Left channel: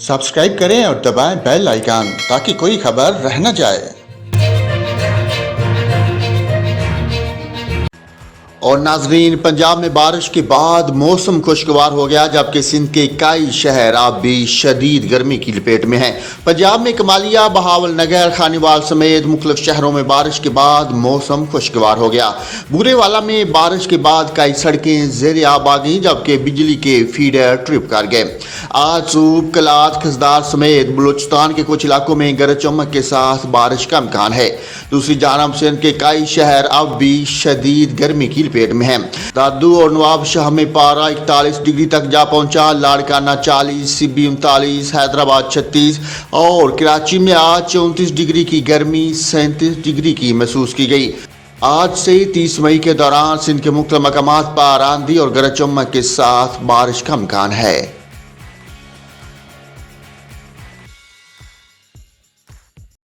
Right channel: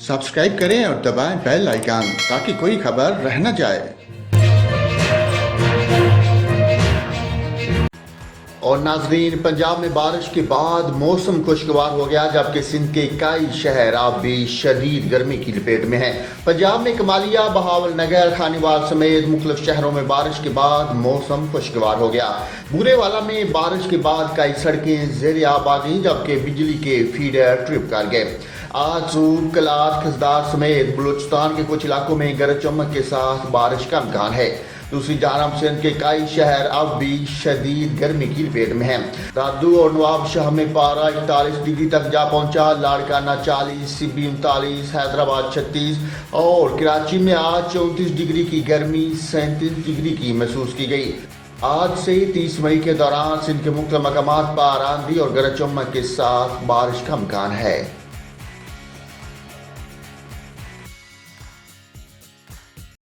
Subscribe करें और दबाएं बेल आइकन ताकि कोई खबर रह न जाए। और नाजरीन, पंजाब में बारिश के बाद मौसम खुशगवार हो गया, जबकि सिंध के कई शहर अब भी शदीद गर्मी की लपेट में हैं। पंजाब में कमालिया, बहावल नगर, खानीवाल समेत मुख्तलिफ शहरों में बारिश के बाद मौसम खुशगवार हो गया। बूरेवाला में बारिश के बाद कई सड़कें ज़ेर आब आ गईं, जबकि बिजली के फीडर ट्रिप कर गए। आज सूब, कलात, खजदार समेत बलूचिस्तान के कुछ इलाकों में गरज चमक के साथ बारिश का इम्कान है। दूसरी जानब सिंध के कई शहर अब भी शदीद गर्मी की लपेट में हैं। दादू और नवाब शाह में पारा 41 डिग्री तक जा पहुंचा, लाड़काना 40, सिब्बी 39, हैदराबाद 36 और कराची में आज 34 डिग्री की गर्मी 37 डिग्री की महसूस की गई। आज से 30 मई के दौरान सिंध के मुख्तलिफ मकामात पर आंधी और गरज चमक के साथ बारिश का इम्कान है।